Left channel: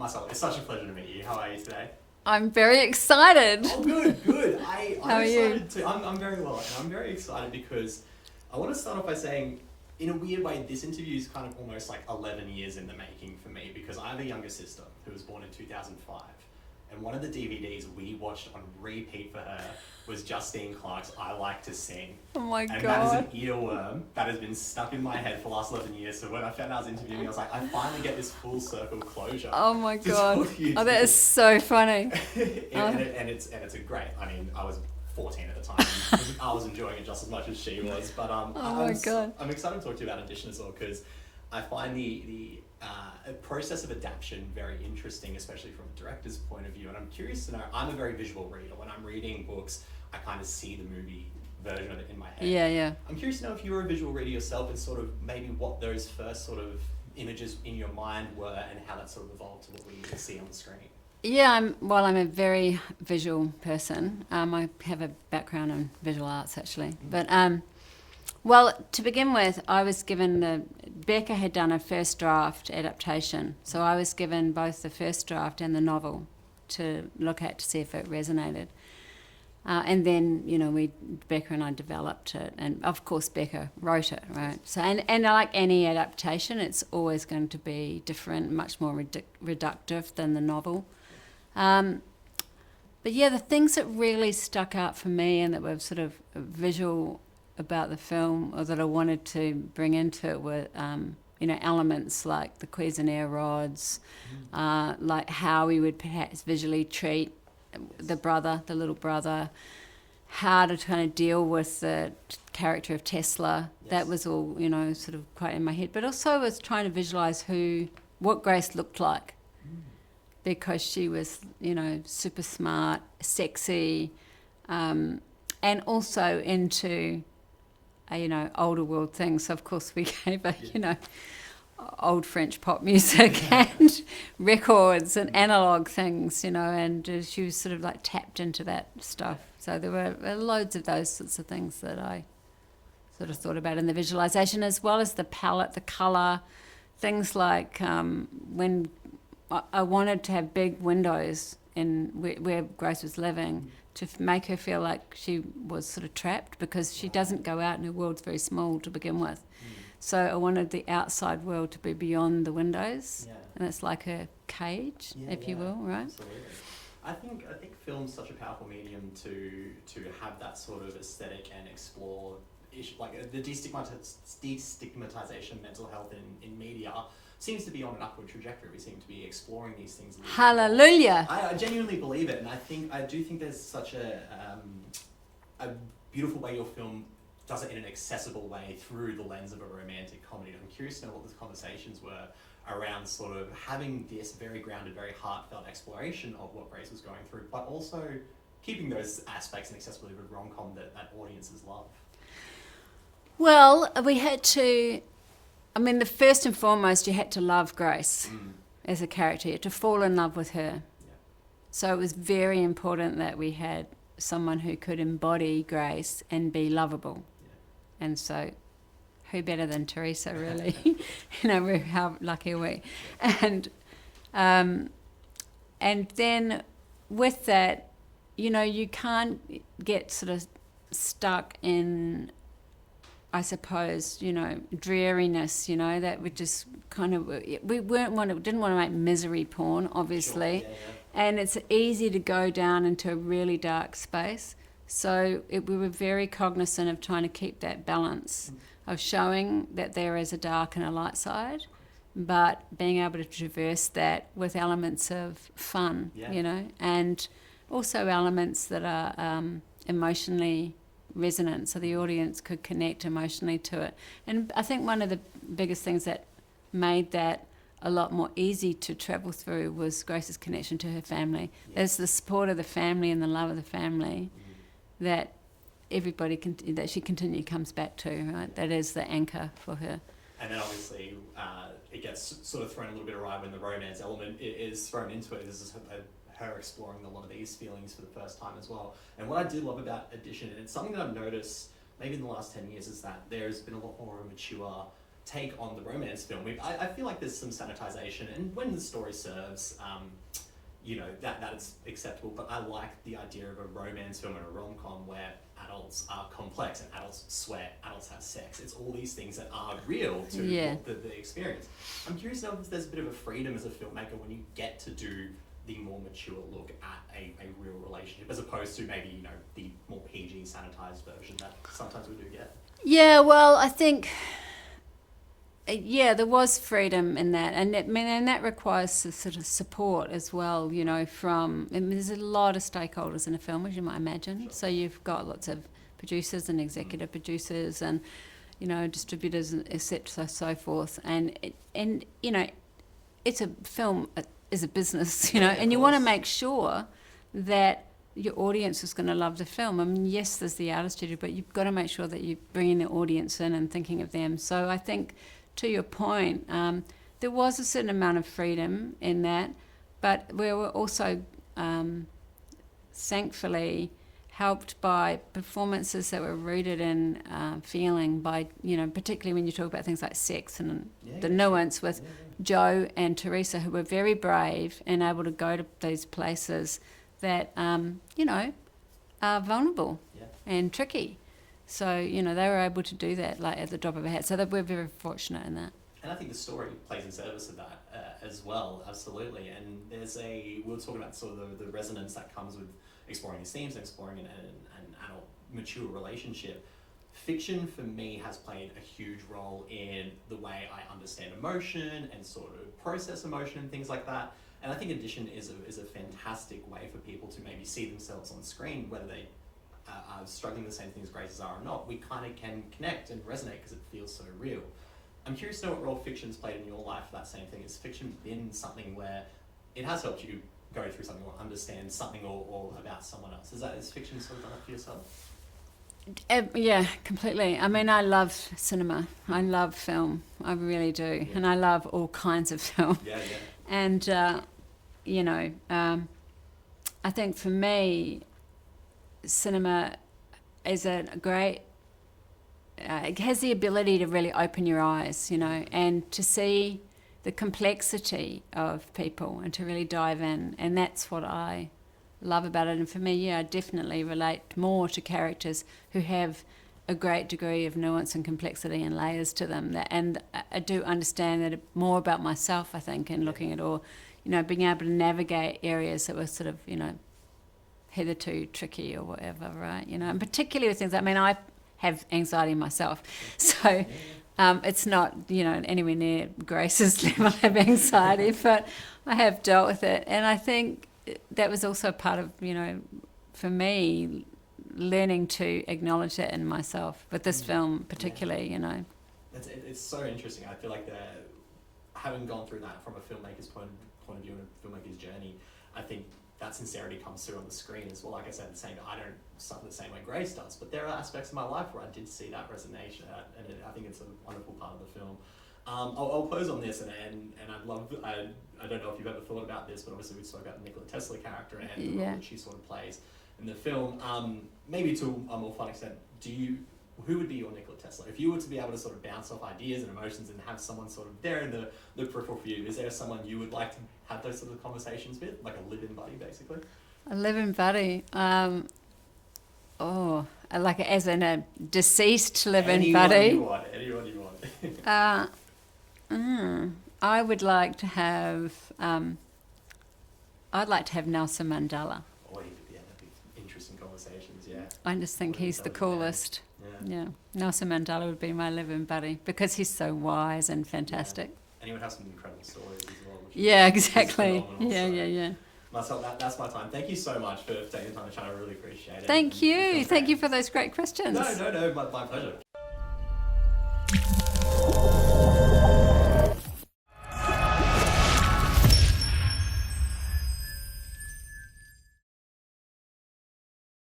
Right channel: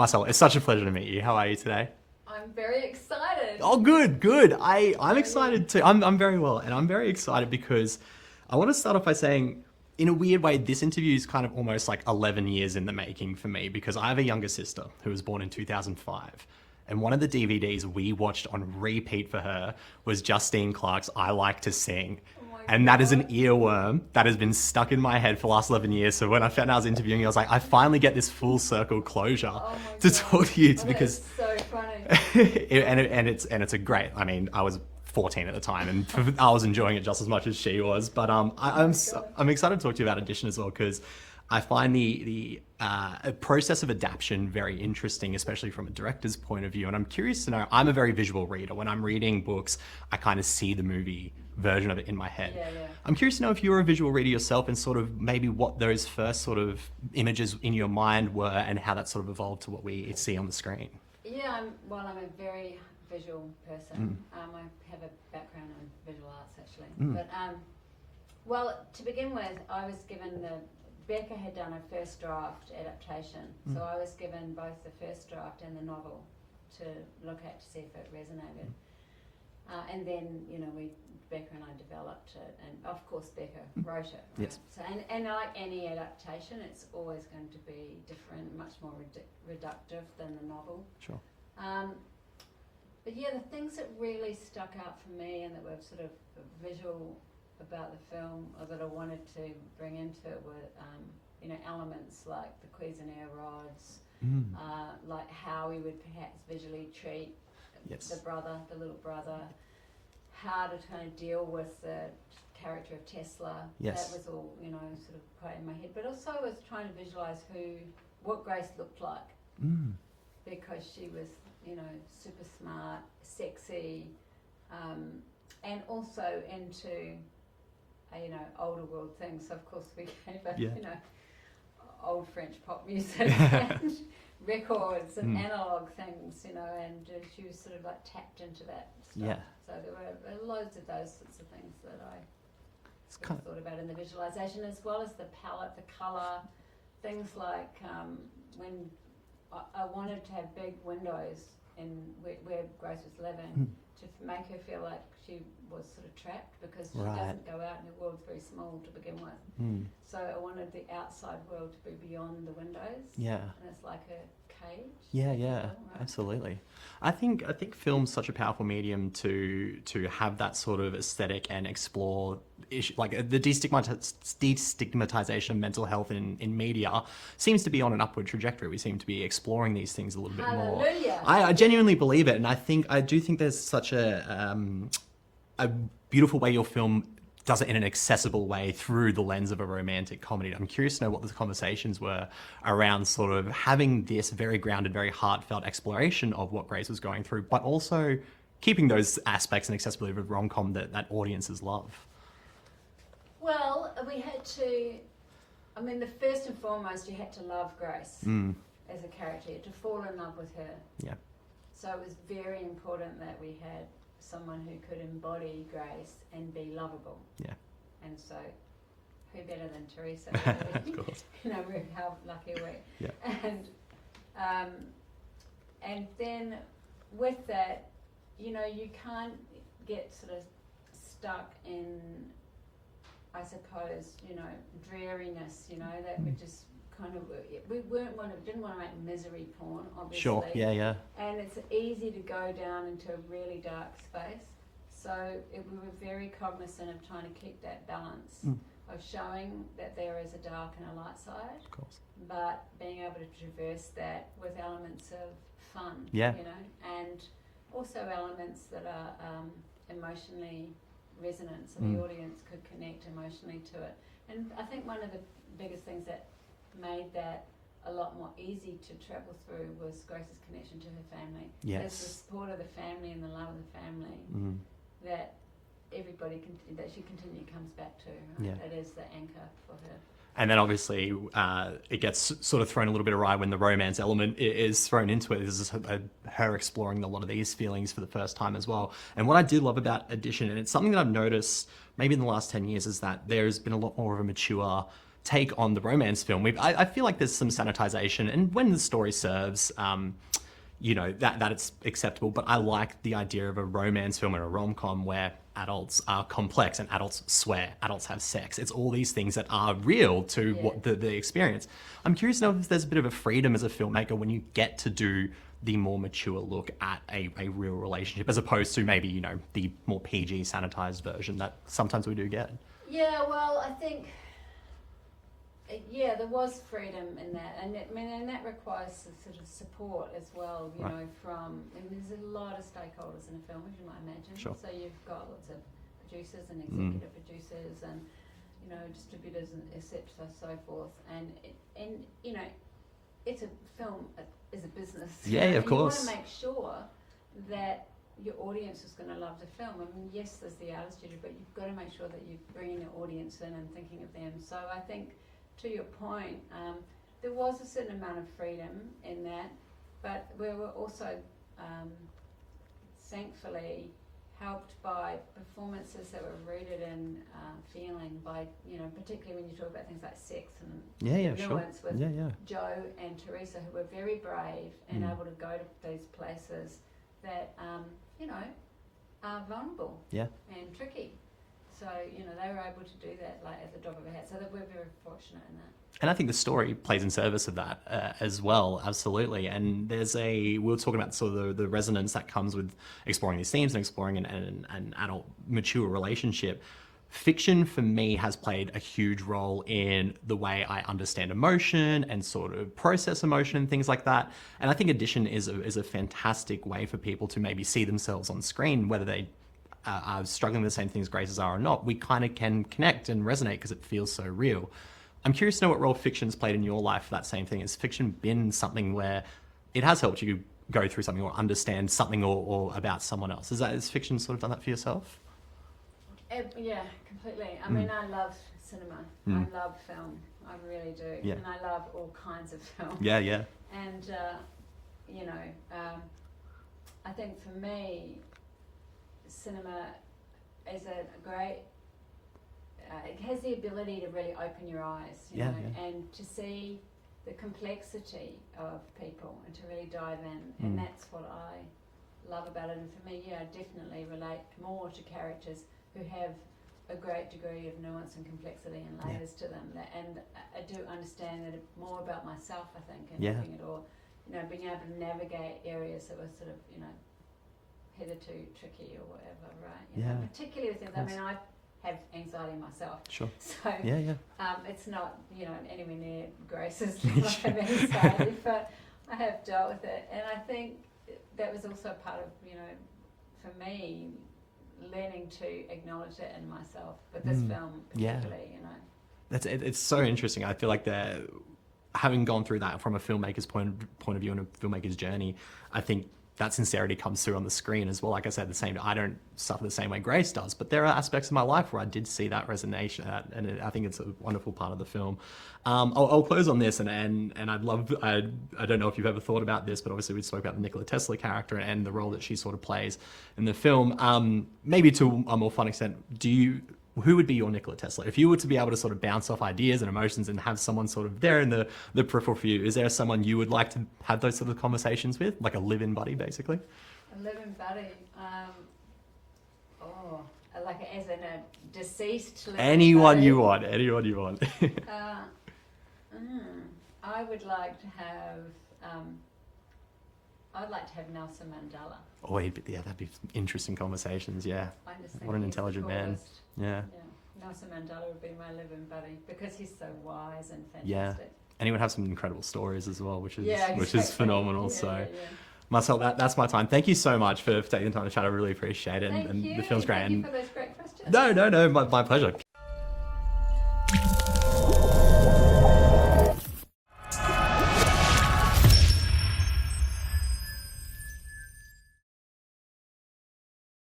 Marcelle, it's such a pleasure to meet you. How are you today? I'm very excited. Oh, good. I'm How are excited you? too. I'm very well, and I'm very excited because I want to start off by saying, in a weird way, this interview is kind of almost like 11 years in the making for me, because I have a younger sister who was born in 2005. And one of the DVDs we watched on repeat for her was Justine Clarke's I Like to Sing. Oh my And God. that is an earworm that has been stuck in my head for the last 11 years. So when I found out I was interviewing you, I was like, I finally get this full circle closure Oh my to God. talk to you. Oh, that is so funny. And it's a great, I mean, I was 14 at the time and I was enjoying it just as much as she was. But my God. I'm excited to talk to you about Audition as well, because I find the process of adaptation very interesting, especially from a director's point of view. And I'm curious to know, I'm a very visual reader. When I'm reading books, I kind of see the movie version of it in my head. Yeah. I'm curious to know if you're a visual reader yourself, and sort of maybe what those first sort of images in your mind were and how that sort of evolved to what we see on the screen. Yeah, I'm a very visual person. I have a background in visual arts, actually. But, well, to begin with, I was given Becca had done a first draft adaptation. So I was given both the first draft and the novel to look at to see if it resonated. And then, Becca and I developed it. And, of course, Becca wrote it, right? Yes. So, and like any adaptation, it's always going to be different, much more reductive than the novel. Sure. But, yeah, the things that really stuck out for me and that were sort of visual about the film, or that I wanted to bring into it, were, elements like the Cuisenaire rods, like how we would perhaps visually treat the little brother, how to kind of deal with the character of Tesla. Yes. That was all, sort of quite in my head. But also I was trying to visualise what Grace looked like, because she was, super smart, sexy, and also into, older world things. So of course we gave her, old French pop music and records and analog things, and she was sort of like tapped into that stuff. Yeah. So there were loads of those sorts of things that I sort of thought about in the visualization, as well as the palette, the color, things like when I wanted to have big windows in where Grace was living, to make her feel like she was sort of trapped, because she doesn't go out and her world's very small to begin with. So I wanted the outside world to be beyond the windows. Yeah. And it's like a cage, if you will, right? Absolutely. I think film's such a powerful medium to have that sort of aesthetic and explore issue, like the destigmatization of mental health in media seems to be on an upward trajectory. We seem to be exploring these things a little bit more. Hallelujah. I genuinely believe it, and I do think there's such a beautiful way your film does it in an accessible way through the lens of a romantic comedy. I'm curious to know what the conversations were around sort of having this very grounded, very heartfelt exploration of what Grace was going through, but also keeping those aspects and accessibility of rom-com that audiences love. Well, we had to, the first and foremost, you had to love Grace as a character. You had to fall in love with her. Yeah. So it was very important that we had someone who could embody Grace and be lovable. Yeah. And so who better than Teresa, really? How lucky are we? Yeah. And then with that, you can't get sort of stuck in, I suppose, dreariness, that would just kind of, we didn't want to make misery porn, obviously. Sure, yeah. And it's easy to go down into a really dark space. So we were very cognizant of trying to keep that balance of showing that there is a dark and a light side, but being able to traverse that with elements of fun, and also elements that are emotionally resonant, so the audience could connect emotionally to it. And I think one of the biggest things that made that a lot more easy to travel through was Grace's connection to her family. Yes. It's the support of the family and the love of the family that everybody that she continually comes back to, right? Yeah. That is the anchor for her. And then obviously it gets sort of thrown a little bit awry when the romance element is thrown into it. This is her exploring a lot of these feelings for the first time as well. And what I do love about Audition, and it's something that I've noticed maybe in the last 10 years, is that there's been a lot more of a mature take on the romance film, I feel like there's some sanitization, and when the story serves, you know, that it's acceptable. But I like the idea of a romance film and a rom-com where adults are complex and adults swear, adults have sex. It's all these things that are real to what the experience. I'm curious to know if there's a bit of a freedom as a filmmaker when you get to do the more mature look at a real relationship, as opposed to maybe, you know, the more PG sanitized version that sometimes we do get. Yeah, well, I think, there was freedom in that, and that requires a sort of support as well, you know, from, there's a lot of stakeholders in a film, as you might imagine. Sure. So you've got lots of producers and executive producers and, you know, distributors, and so forth. And you know, it's a film is a business, you know, and you want to make sure that your audience is going to love the film. I mean, yes, there's the artist studio, but you've got to make sure that you're bringing the audience in and thinking of them. So I think, to your point, there was a certain amount of freedom in that, but we were also thankfully helped by performances that were rooted in feeling, by, you know, particularly when you talk about things like sex and the nuance with Joe and Teresa, who were very brave and able to go to these places that, you know, are vulnerable and tricky. So, you know, they were able to do that like at the drop of a hat. So we're very fortunate in that. And I think the story plays in service of that as well, absolutely. And there's we were talking about sort of the resonance that comes with exploring these themes and exploring an adult, mature relationship. Fiction, for me, has played a huge role in the way I understand emotion and sort of process emotion and things like that. And I think addition is a fantastic way for people to maybe see themselves on screen, whether they are struggling with the same things Grace's are or not. We kind of can connect and resonate because it feels so real. I'm curious to know what role fiction's played in your life for that same thing. Has fiction been something where it has helped you go through something or understand something or about someone else? Has fiction sort of done that for yourself? Yeah, completely. I mean, I love cinema. I love film. I really do. Yeah. And I love all kinds of film. Yeah. And, you know, I think for me, cinema is a great... it has the ability to really open your eyes, you know, and to see the complexity of people and to really dive in. And that's what I love about it. And for me, I definitely relate more to characters who have a great degree of nuance and complexity and layers to them. And I do understand that more about myself, I think, in looking at all, you know, being able to navigate areas that were sort of, you know, hitherto tricky or whatever, right? You know, and particularly with things, I mean, I have anxiety myself. Sure. So it's not, you know, anywhere near Grace's level of anxiety, but I have dealt with it. And I think that was also part of, you know, for me, learning to acknowledge that in myself with this film particularly, you know. It's so interesting. I feel like having gone through that from a filmmaker's point of view and a filmmaker's journey, I think that sincerity comes through on the screen as well. Like I said, I don't suffer the same way Grace does, but there are aspects of my life where I did see that resonation, and I think it's a wonderful part of the film. I'll close on this, and I'd love, I don't know if you've ever thought about this, but obviously we spoke about the Nikola Tesla character and the role that she sort of plays in the film. Maybe to a more fun extent, who would be your Nikola Tesla? If you were to be able to sort of bounce off ideas and emotions and have someone sort of there in the peripheral for you, is there someone you would like to have those sort of conversations with? Like a live-in buddy, basically? A live-in buddy? Like as in a deceased live-in buddy? Anyone you want. I would like to have... I'd like to have Nelson Mandela. Oh, that'd be interesting conversations, I just think he's the coolest. Man. Yeah. Nelson Mandela would be my live-in buddy because he's so wise and fantastic. Yeah. And he would have some incredible stories as well, which is exactly. Which is phenomenal. Yeah. Marcelle, that's my time. Thank you so much for taking the time to chat. I really appreciate it. Thank you. Thank you for those great questions. No, my pleasure.